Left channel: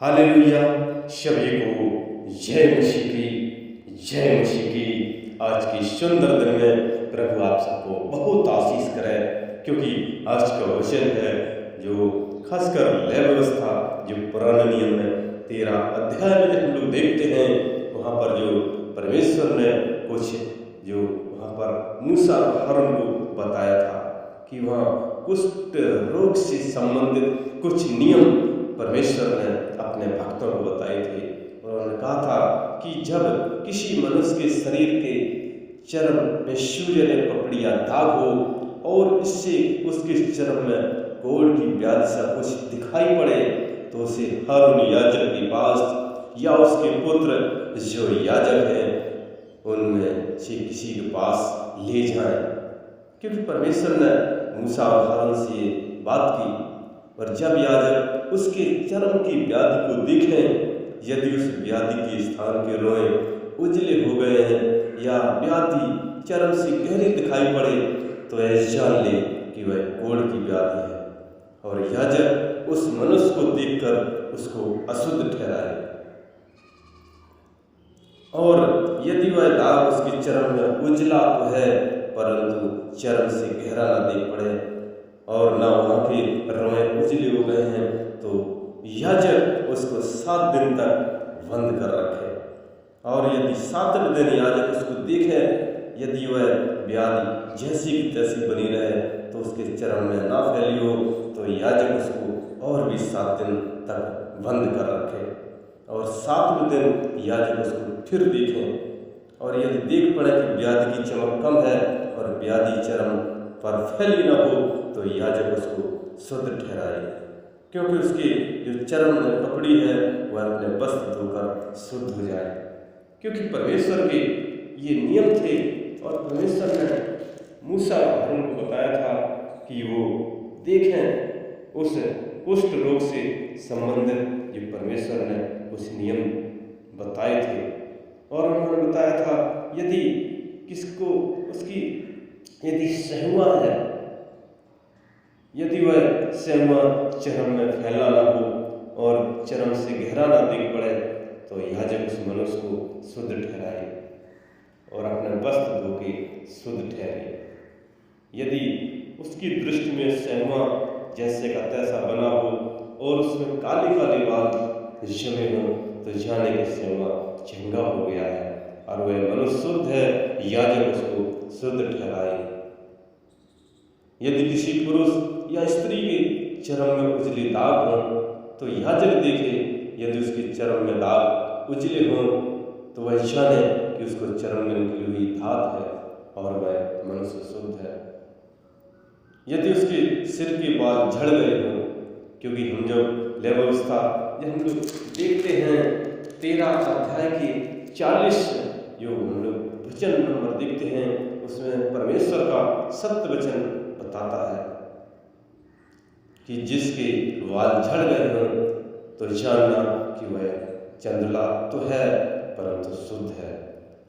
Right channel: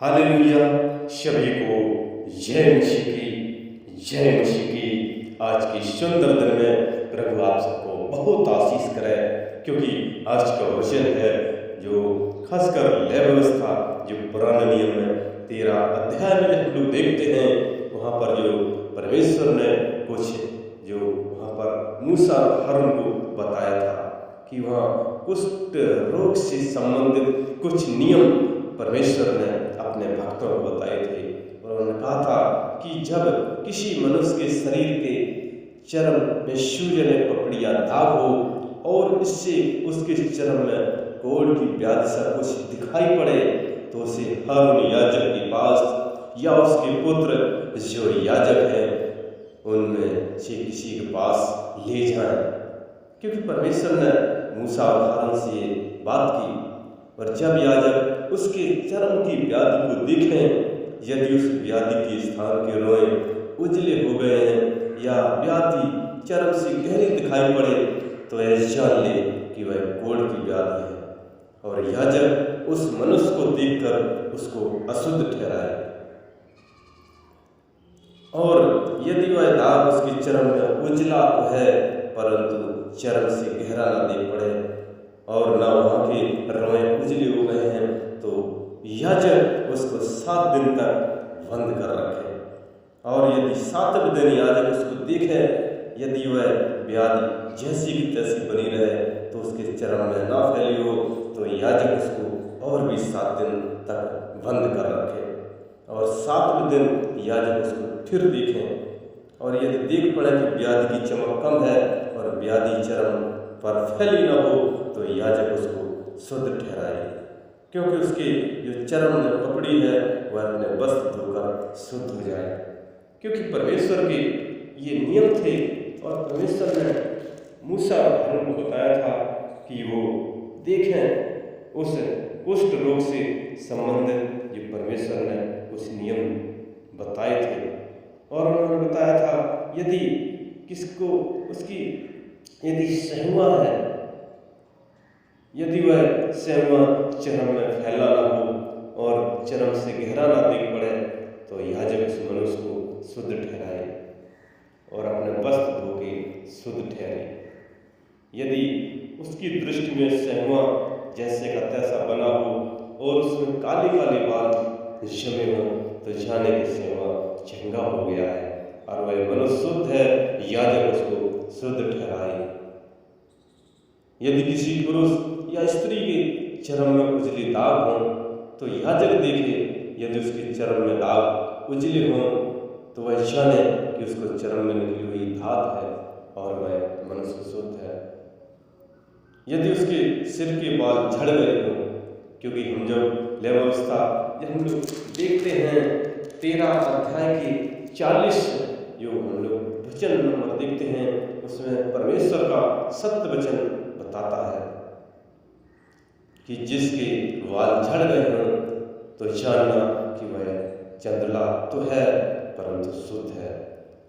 Hallelujah. सभी को जय मसीह की। आज की सुंदर दिन में प्रभु आप सबको बहुत आशीष करे, क्योंकि आज का वचन है जो खासकर लय व्यवस्था जो पुराने नियम में 13 अध्याय में जब हम लोग देखते हैं, वहाँ पर जो परमेश्वर ने कुछ जो वहाँ पर मूसा और हारून को बताया था कि वहाँ कुष्ठ रोग से संबंधित कुछ नियम परमेश्वर ने अपने भक्तों को बताए थे। और उन्होंने कहा था कि जब किसी मनुष्य के शरीर के चर्म में सूजन या पपड़ी या दाग हो और इससे उसके चर्म में कोढ़ की व्याधि सा कुछ दिखाई पड़े, तो उसे हारून याजक के पास या उसके पुत्र जो याजक है उनमें से किसी के पास ले जाएं, क्योंकि परमेश्वर ने मूसा और हारून से ये बात की। और जब याजक उसके चर्म की व्याधि को देखें, यदि उस व्याधि के स्थान के रोए उजले हो गए हैं या व्याधि चर्म से गहरी दिखाई पड़े, तो ऐसा जान ले कि वह कोढ़ की व्याधि है, और याजक उस मनुष्य को देखकर उसको अशुद्ध ठहराए। और यदि वह दाग उसके चर्म में उजला तो है, परंतु चर्म से गहरा ना देख पड़े और ना वहाँ के रोए उजले हो गए हैं, तो याजक उसको 7 दिन तक बंद कर रखे। और यदि 7वें दिन याजक उसको देखे, यदि वह व्याधि जैसी की तैसी बनी रहे तो उसके चर्म में ना फैली हो, तो याजक उसको और भी 7 दिन तक बंद कर रखे। और 7वें दिन याजक उसको फिर देखें, और यदि देख पड़े कि व्याधि की चमक कम है और व्याधि चर्म पर फैली न हो, तो याजक उसको शुद्ध ठहराए, क्योंकि उसके जो चर्म में पपड़ी है वह अपने वस्त्र धोकर शुद्ध हो जाए। क्योंकि परमेश्वर के ये नियम थे, और परमेश्वर ने मूसा और हारून को बताया था कि वो देखें उस कुष्ठ रोग से संबंधित जो परमेश्वर ने कुछ नियम बताए थे। और उन्होंने बताया था यदि किसको उसकी यदि सहुआ है, यदि वह सहुआ चर्म में फैला ना हो और चर्म से गहरा ना दिख पड़े, तो याजक उस मनुष्य को शुद्ध ठहराए और अपने वस्त्र धो के शुद्ध ठहरे। यदि उसकी दृष्टि में सहुआ जैसे का तैसा बना हो और उसमें काले काले बाल जमे हों, तो जाने के सहुआ चंगा हो गया है और वह मनुष्य शुद्ध है, याजक उसको शुद्ध ठहराए। यदि किसी पुरुष या स्त्री के चर्म में उजले दाग हों, तो याजक देखे, यदि उसके चर्म में दाग उजले हों, तो वह जाने कि उसको चर्म में निकली हुई धात है और वह मनुष्य शुद्ध है। यदि उसके सिर के बाल झड़ गए हों, क्योंकि हम जब लय व्यवस्था जब हम लोग देखते हैं 13 अध्याय के 40 जो हम लोग वचन नंबर देखते हैं, उसमें परमेश्वर का सत्य वचन बताता है कि जिसके बाल झड़ गए हों, तो जानना कि वह चंद्रला तो है परंतु शुद्ध है,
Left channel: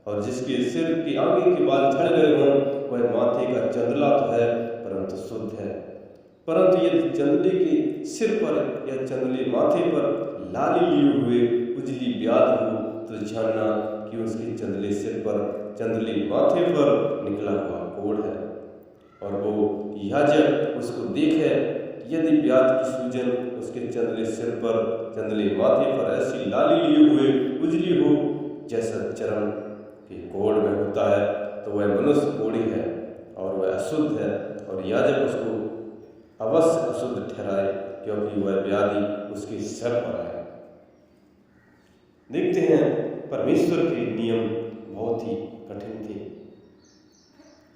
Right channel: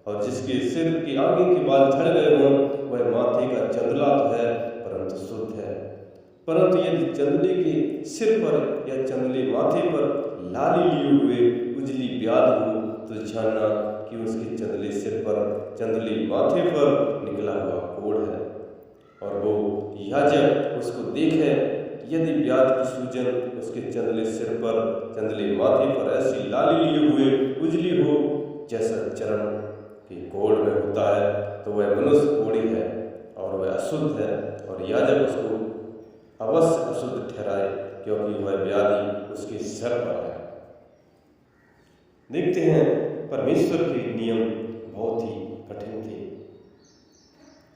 और जिसके सिर के आगे के बाल झड़ गए हों, वह माथे का चंद्रला तो है परंतु शुद्ध है। परंतु यदि चंद्रले के सिर पर या चंद्रले माथे पर लाली लिए हुए उजली व्याधि हो, तो जानना कि उसके चंद्रले सिर पर चंद्रले माथे पर निकला हुआ कोढ़ है। और वो याजक उसको देखे, यदि व्याधि की सूजन उसके चंद्रले सिर पर चंद्रले माथे पर ऐसी लाली लिए हुए उजली हो जैसा चर्म के कोढ़ में होता है, तो वह मनुष्य कोढ़ी है और वह अशुद्ध है, और याजक उसको अवश्य अशुद्ध ठहराए, क्योंकि वह व्याधि उसके सिर पर है। देखते हैं परमेश्वर के नियम बहुत ही कठिन थे,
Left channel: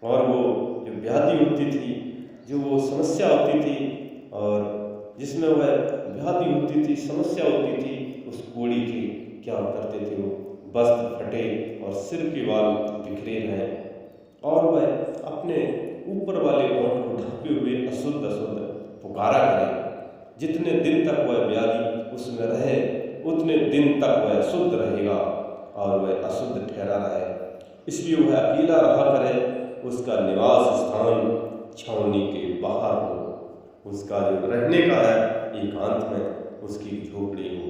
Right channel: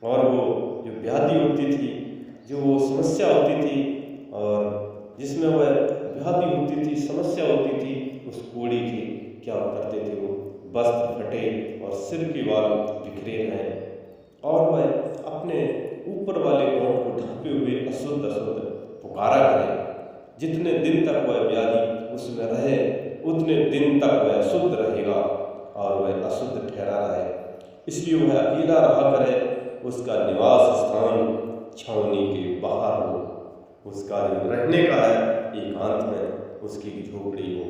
और वो जो व्याधि होती थी, जो वो समस्या होती थी, और जिसमें वह व्याधि होती थी, समस्या होती थी, उस कोढ़ी की क्या करते थे, वो वस्त्र फटे और सिर के बाल बिखरे रहे, और वह अपने ऊपर वाले ओंठ को ढांपे हुए अशुद्ध अशुद्ध पुकारा करे। जितने दिन तक वह व्याधि उसमें रहे उतने दिन तक वह अशुद्ध रहेगा और वह अशुद्ध ठहरा रहे। इसलिए वह अकेला रहा करे, उसका निवास स्थान छावनी के बाहर हो, उसका जो रहने का है एकांत में उसकी झोपड़ी हो।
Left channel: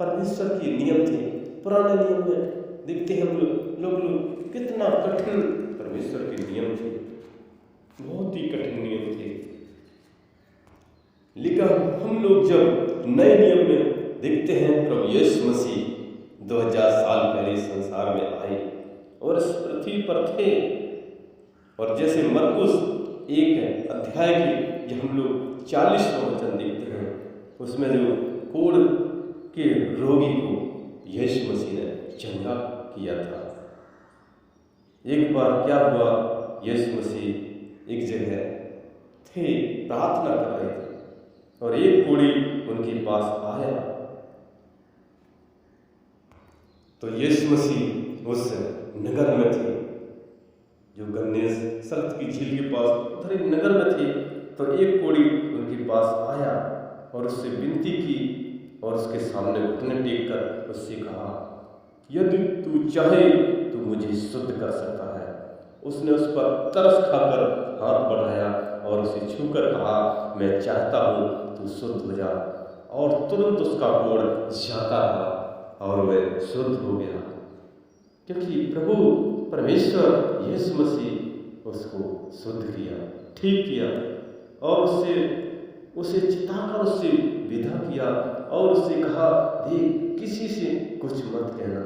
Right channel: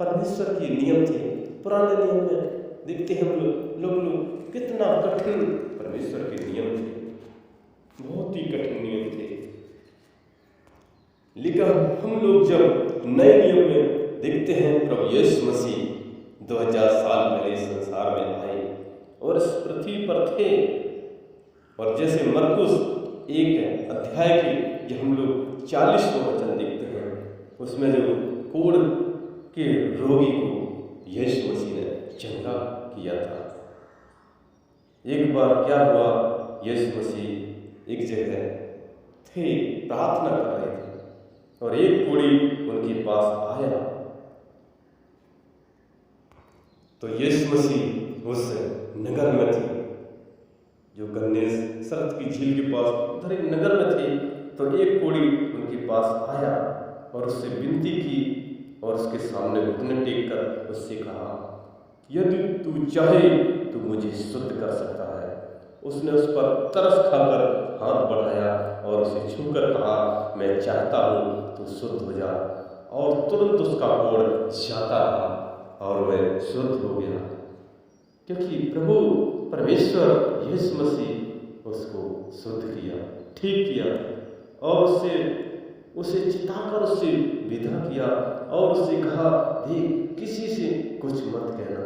परमेश्वर के नियम थे। पुराने नियम में देखते हैं हम लोग कितना कठिन परमेश्वर के नियम थे, बहुत ही कठिन नियम थे। लेकिन हम लोग जब नए नियम में देखते हैं, प्रभु यीशु मसीह 2000 साल पहले संसार में आए और इस पृथ्वी पर थे, और जैसे मरकुस 1 अध्याय की हम लोग 40वां वचन देखते हैं, उसमें जो कोढ़ के रोगी को यीशु मसीह ने चंगा किया था। एक बार क्या हुआ, यीशु मसीह एक जगह थे, प्रार्थना कर रहे थे, और एक कोढ़ी उनके पास आया। तो यीशु मसीह उस नगर में थे, जो गन्नेसरत की झील के पास उधर एक नगर में थे। तो एक कोढ़ी उनके पास आया और उससे विनती की, और उसके सामने घुटने टेक कर उससे कहा, यदि तू चाहे तो मुझे शुद्ध कर सकता है। उसने उस पर तरस खाकर हाथ बढ़ाया और उसे छूकर कहा, मैं चाहता हूँ तू शुद्ध हो जा। और तुरंत उसका कोढ़ जाता रहा और वह शुद्ध हो गया, क्योंकि प्रभु परमेश्वर यीशु मसीह उसको शुद्ध किया, ठीक किया, और उसे चिताकर उससे विदा किया और उससे कहा, देख किसी से कुछ मत कहना,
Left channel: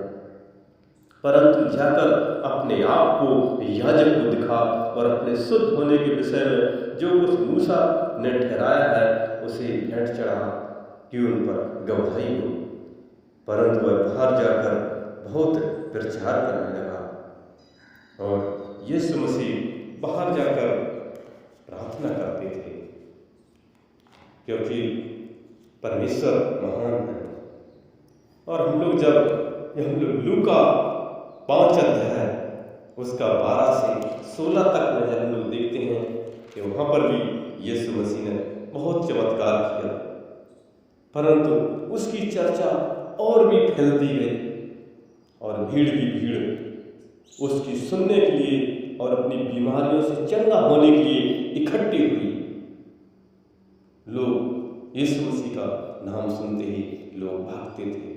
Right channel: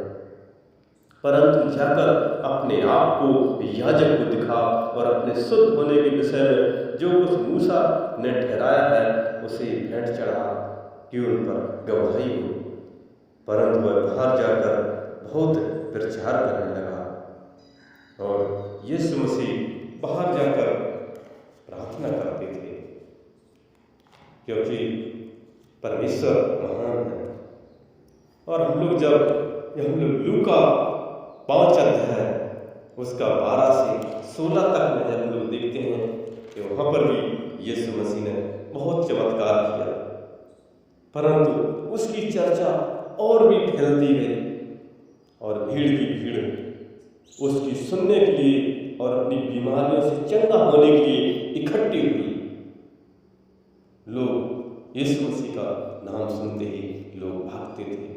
परंतु जाकर अपने आप को याजक को दिखा और अपने शुद्ध होने के विषय में जो कुछ मूसा ने ठहराया है उसे भेंट चढ़ा कि उन पर गवाही हो। परंतु वह बाहर जाकर बहुत प्रचार करने लगा, और यीशु मसीह बाहर जाकर प्रार्थना करते थे, क्योंकि परमेश्वर महान है। और हम लोग लूका 5 अध्याय उसका 12 से 16 तक में जब हम लोग देखते हैं कि वहाँ पर भी यीशु मसीह ने बहुत चमत्कार किया, परंतु उसकी चर्चा और भी फैलती गई, और भीड़ की भीड़ उसकी सुनने के लिए और अपनी बीमारियों से चंगा होने के लिए इकट्ठी हुई। लोग यीशु मसीह का नाम सुनते ही लोग भागते थे,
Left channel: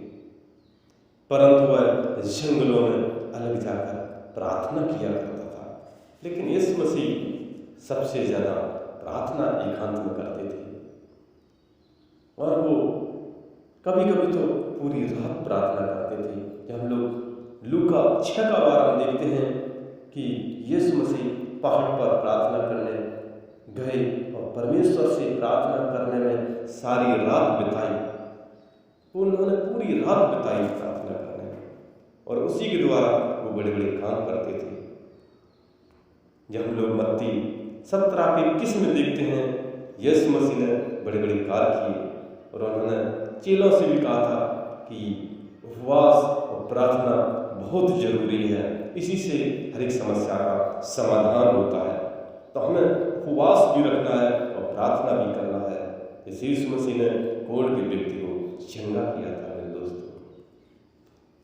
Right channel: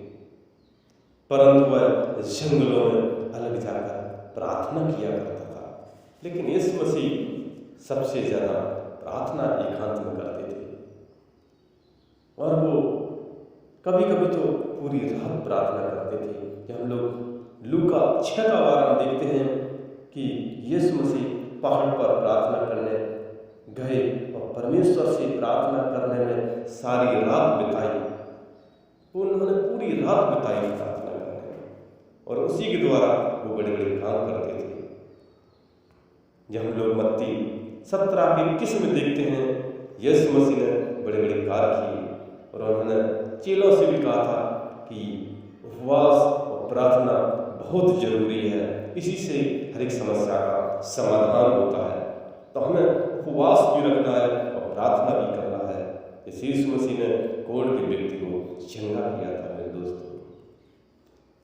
परंतु वह जंगलों में अलग जाकर प्रार्थना किया करता था। लेकिन यीशु मसीह सबसे ज़्यादा प्रार्थना एकांत में करते थे, और वो कभी कभी तो पूरी रात प्रार्थना करते थे। जब हम लोग लूका 6 का वार हम देखते हैं कि यीशु मसीह पहाड़ पर प्रार्थना करने गए और परमेश्वर से प्रार्थना करने में सारी रात बिताई। उन्होंने पूरी रात बिताई प्रार्थना करने में, और उसी के द्वारा वो बड़े बड़े काम करते थे। जब हम लोग मत्ती 17 के 21 में देखते हैं, यीशु मसीह ने बड़े बड़े कार्य किए, और उन्होंने चेलों से भी कहा था कि उपवास और प्रार्थना बहुत जरूरी है, इसी से हर एक समस्या का समाधान होता है। तो हमें उपवास भी रखना है और प्रार्थना भी करना है। यीशु मसीह ने कोढ़ के व्यक्ति को चंगा किया था मेरे दोस्तों।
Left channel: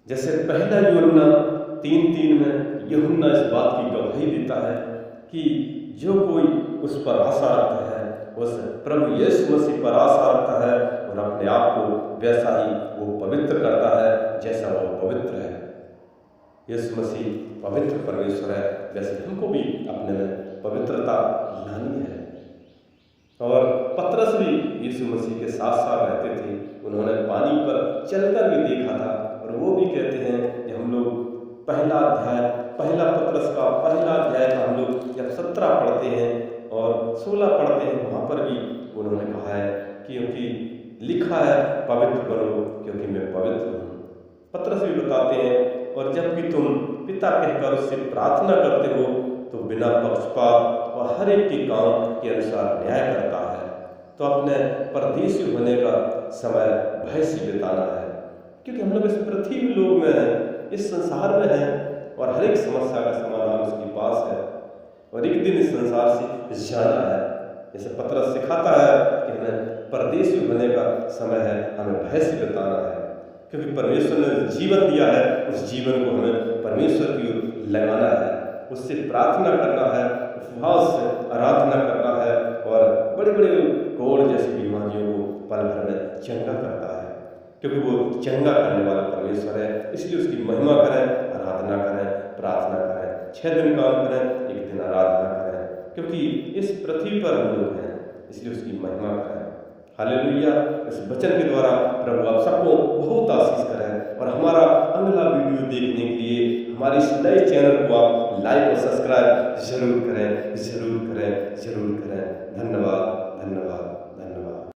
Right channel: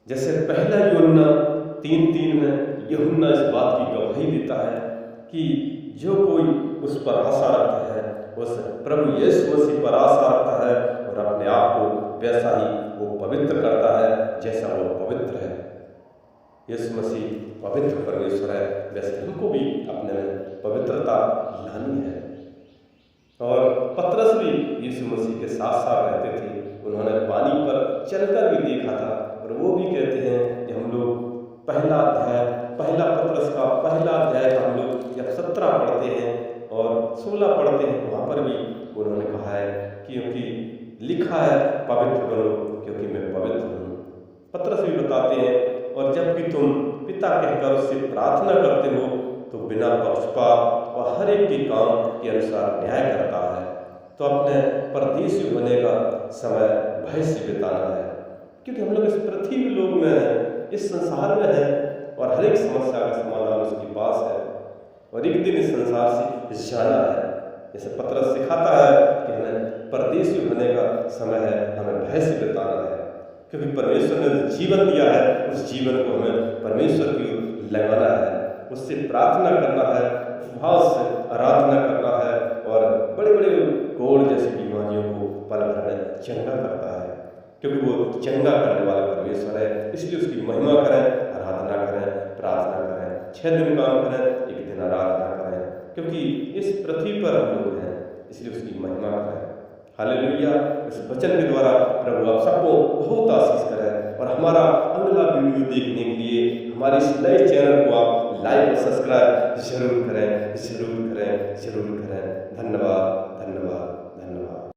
जैसे पहला यूहन्ना 3:3 में यूहन्ना इस बात की गवाही देता है कि जो कोई उस पर आशा रखता है, उस प्रभु यीशु मसीह पर आशा रखता है, और अपने आप को वैसा ही वो पवित्र करता है जैसा वो पवित्र है। यीशु मसीह पवित्र परमेश्वर है, वैसे हमको भी अपने में पवित्रता लानी है। और पतरस भी यीशु मसीह के साथ साथ रहते थे, उन्होंने पानी पर चलकर भी देखा था, और वो भी कहते हैं कि हम लोग पहला पतरस का पहला अध्याय का हम लोग जब 17 पढ़ते हैं और 16 पढ़ते हैं, वहाँ पर भी उन्होंने कहा है क्योंकि लिखा है पवित्र बनो क्योंकि मैं पवित्र हूँ। पतरस भी बताते हैं, और जबकि तुम पिता कहकर उससे प्रार्थना करते हो तो बिना पक्षपात और हर एक के काम के अनुसार न्याय करता है। तो अपने परदेशी होने का समय भय से बिताना है, क्योंकि हम लोग इस पृथ्वी लोक में हैं, इस संसार में हैं, और हर एक समस्या का समाधान उसके पास है, और एक दिन इस संसार से जाना है। जैसे पतरस सिखाता है कि हमें परदेशी होने का समय है, हमें भय से बिताना है, क्योंकि परमेश्वर ने जीवन दिया है, उस जीवन को हमें परमेश्वर की ओर लगाना है, उससे प्रार्थना करना है, उपवास से आराधना करना है, और बड़े बड़े कोढ़ जैसी बीमारियों को पल भर में चंगा करता है। क्योंकि वो चंगा करने वाला परमेश्वर है। इसलिए उसकी महिमा करें, आराधना करें, प्रार्थना करें। 6 दिन काम करें, 1 दिन आराधना करें, क्योंकि इस पृथ्वी पर हम लोग हैं, इसलिए उसकी महिमा करें। हालेलुया। इस वचन के द्वारा प्रभु आप सबको बहुत आशीष करें, और हमारा अगला वीडियो देखने के लिए हमारे इस नए चैनल को आप लाइक और सब्सक्राइब जरूर करें, जरूर करें, जरूर करें। धन्यवाद, धन्यवाद, धन्यवाद।